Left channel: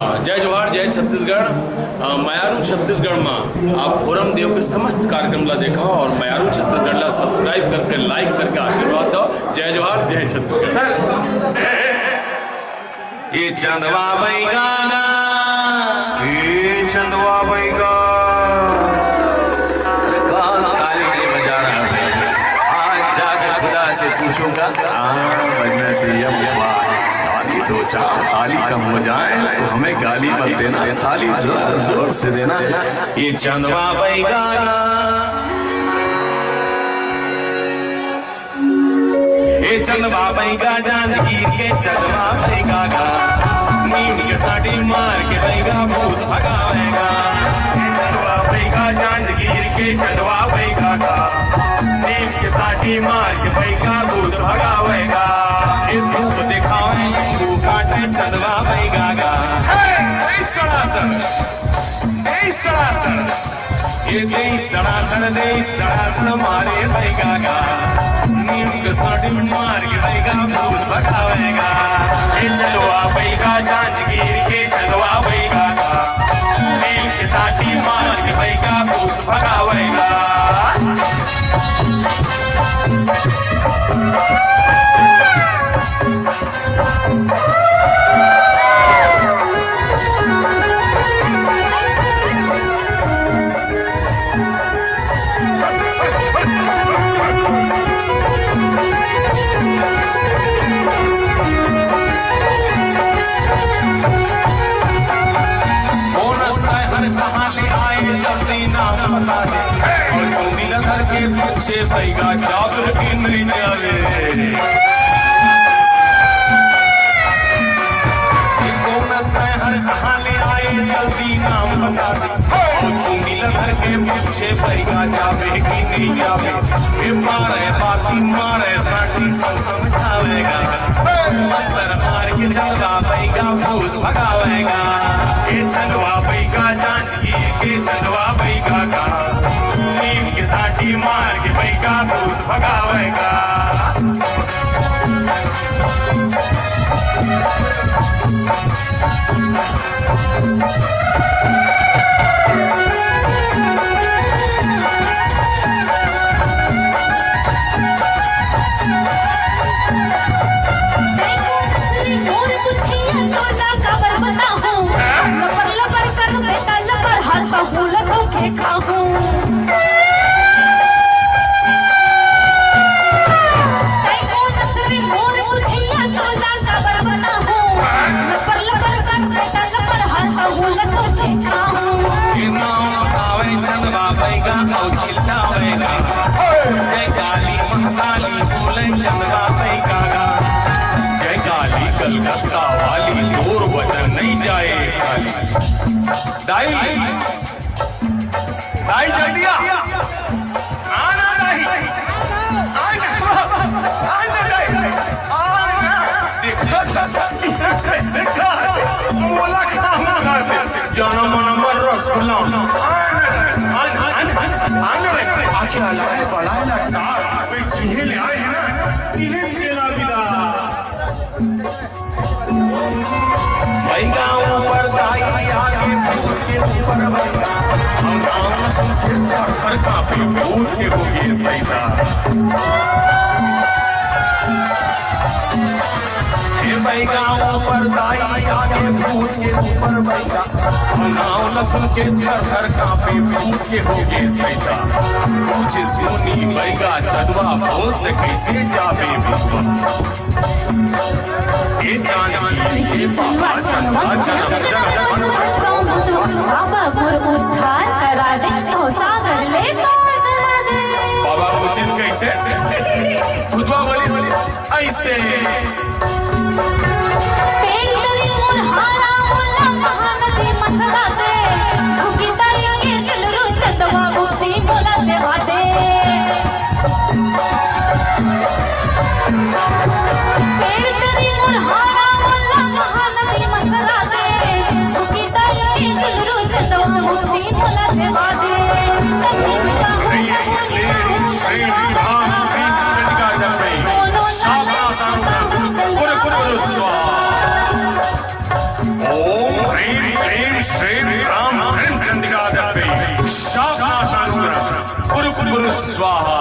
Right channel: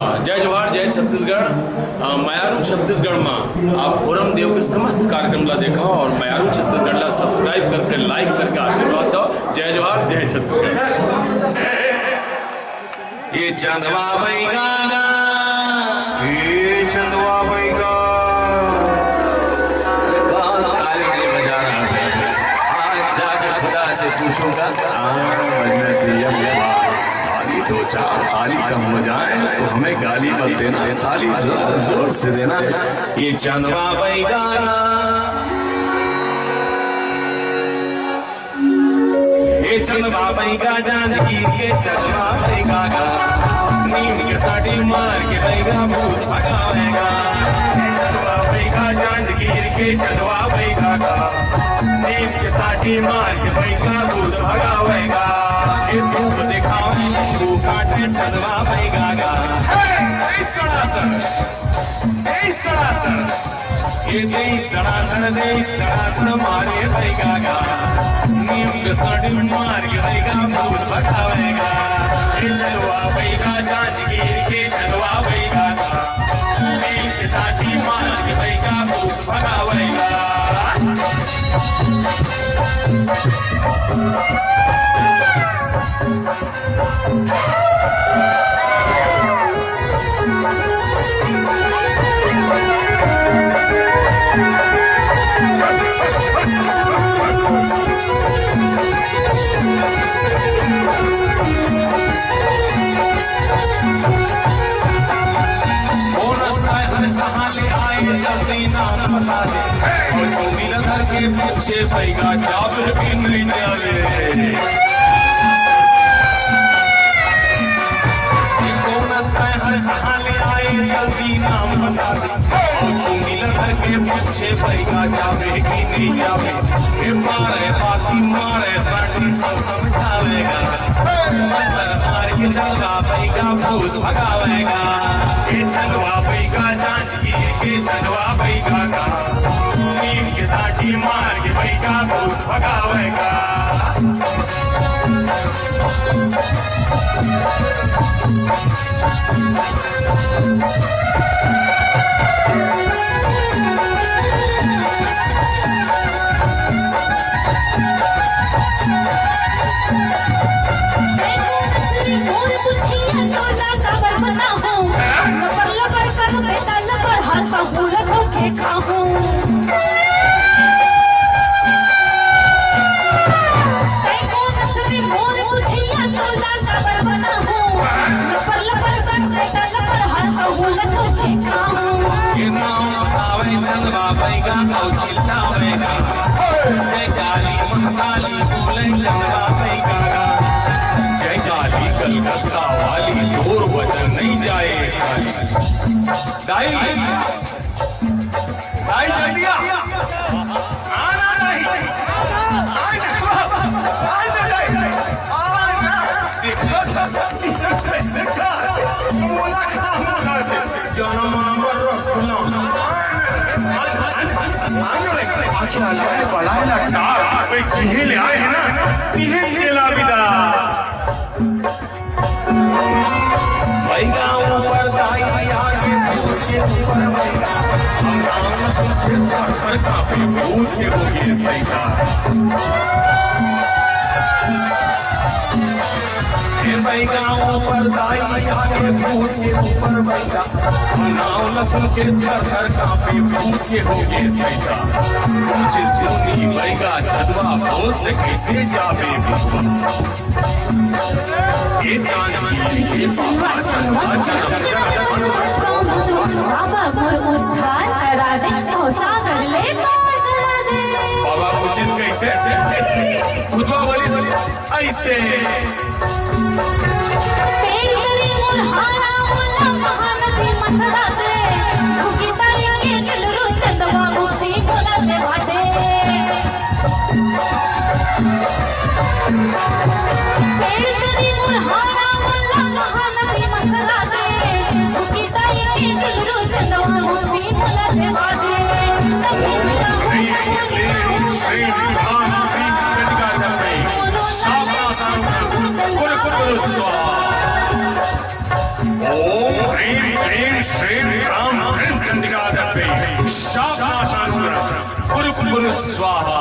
जय जोहार जय छत्तीसगढ़। मयारू छत्तीसगढ़ में आप फोरम देव के समस्त कार्यक्रम ला देखा और मयारू छत्तीसगढ़ ला सब्सक्राइब करके लाइक करके आशीर्वाद दो। जय जोहार जय छत्तीसगढ़। ये चंदवा बैगा, ये चंदवा बैगा ताली नहीं बजा रहा है। आज जाकर खुदा से पूछूंगा बजना चाहिए ताली, दो चार ताली कम बजाए तो हमें गाली मत देना, ताली जोर जोर से देना। ये चंदवा बैगा, ये चंदवा बैगा जानकी के चंदवा बैगा का नीम के साड़ी मार के बैगा भूत भगावेगा। चंदवा बैगा जानकी के चंदवा बैगा का नीम के साड़ी मार के बैगा भूत भगावेगा। ये धूप दिखावे नींबू काटे चंदवा बैगा का सड़ासड़ ये दे सड़ासड़ मारे बैगा का नीम के साड़ी मार के बैगा भूत भगावेगा। ये चंदवा बैगा जानकी के चंदवा बैगा का नीम के साड़ी मार के बैगा भूत भगावेगा। और चौबीस घर के पीछे बैगा जाबर की नहीं जावे। हर कहाँ ले आए जल्दी नाम बता दे। और चौबीस घर के पीछे बैगा जावे की नहीं जावे। ये मारे बाती मारे साड़ी सब समझावेगा। मंत्र मार के चंदवा बैगा भूत भगावेगा। ये चंदवा बैगा जानकी के चंदवा बैगा का नीम के साड़ी मार के बैगा भूत भगावेगा। जय काली महाकाली बोले चंदवा बैगा का जय काली कलकत्ता वाली दूर वचन नहीं जाए खाली। दाई दाई जल्दी आना नहीं बोला जन्म नंबर रसगुल्ला आके हलाए बढ़ाए ना टार भाई जिहे ले आए हैं ना तिहे चला बिदा बैगा ऊपर दाई आगे भूत के ऊपर बैगा हम नाम सुन के थर कांपे भूत के हो गए सैदा। बैगा ऊपर दाई आगे भूत के ऊपर बैगा हम नाम सुन के थर कांपे भूत के हो गए सैदा। कुछ सुनी बैगा चंदवा भूत कैसे जावे भूत। ये जानकी ये बाबा चंदवा जन्म बाबा मोर उद्धार करा दे तो सागर ले पार करा दे। बाबा कुछ कैसे खुदवा वाली ऐसे महानदी मथुरा दे धुकी तारी के दिलरू चंदवा भूती बोला दे भाटे। पेड़ तेरी मुरहारा बोला महानदी मथुरा दे धुकी तारी के दिलरू चंदवा भूती बोला दे भाटे। श्री श्री राम चंडिका दत्ते शासनानुग्रह पुरु पुरु स्वाहा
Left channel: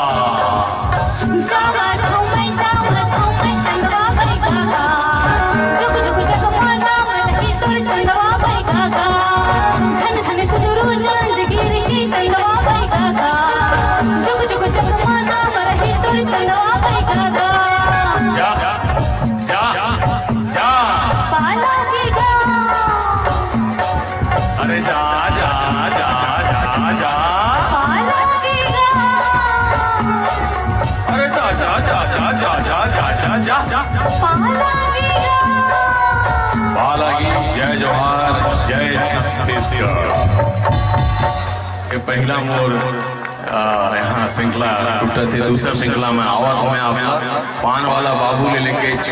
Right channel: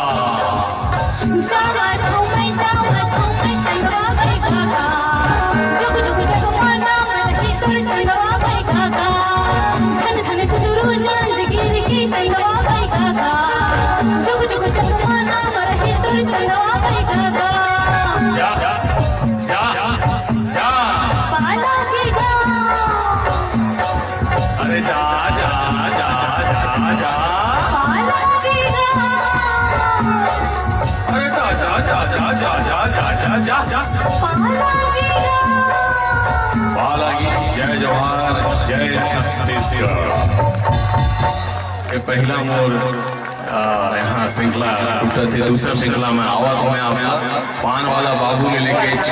अरे जा जा जा जा जा अरे जा जा जा जा जा जा जा जा जा बालागी जय जवाहर जय छत्तीसगढ़ के पहला मोर यहाँ श्रृंखला टूटा थी दूसरा श्रृंखला में आवा तो मैं आप पान वाला बाबू ले लेके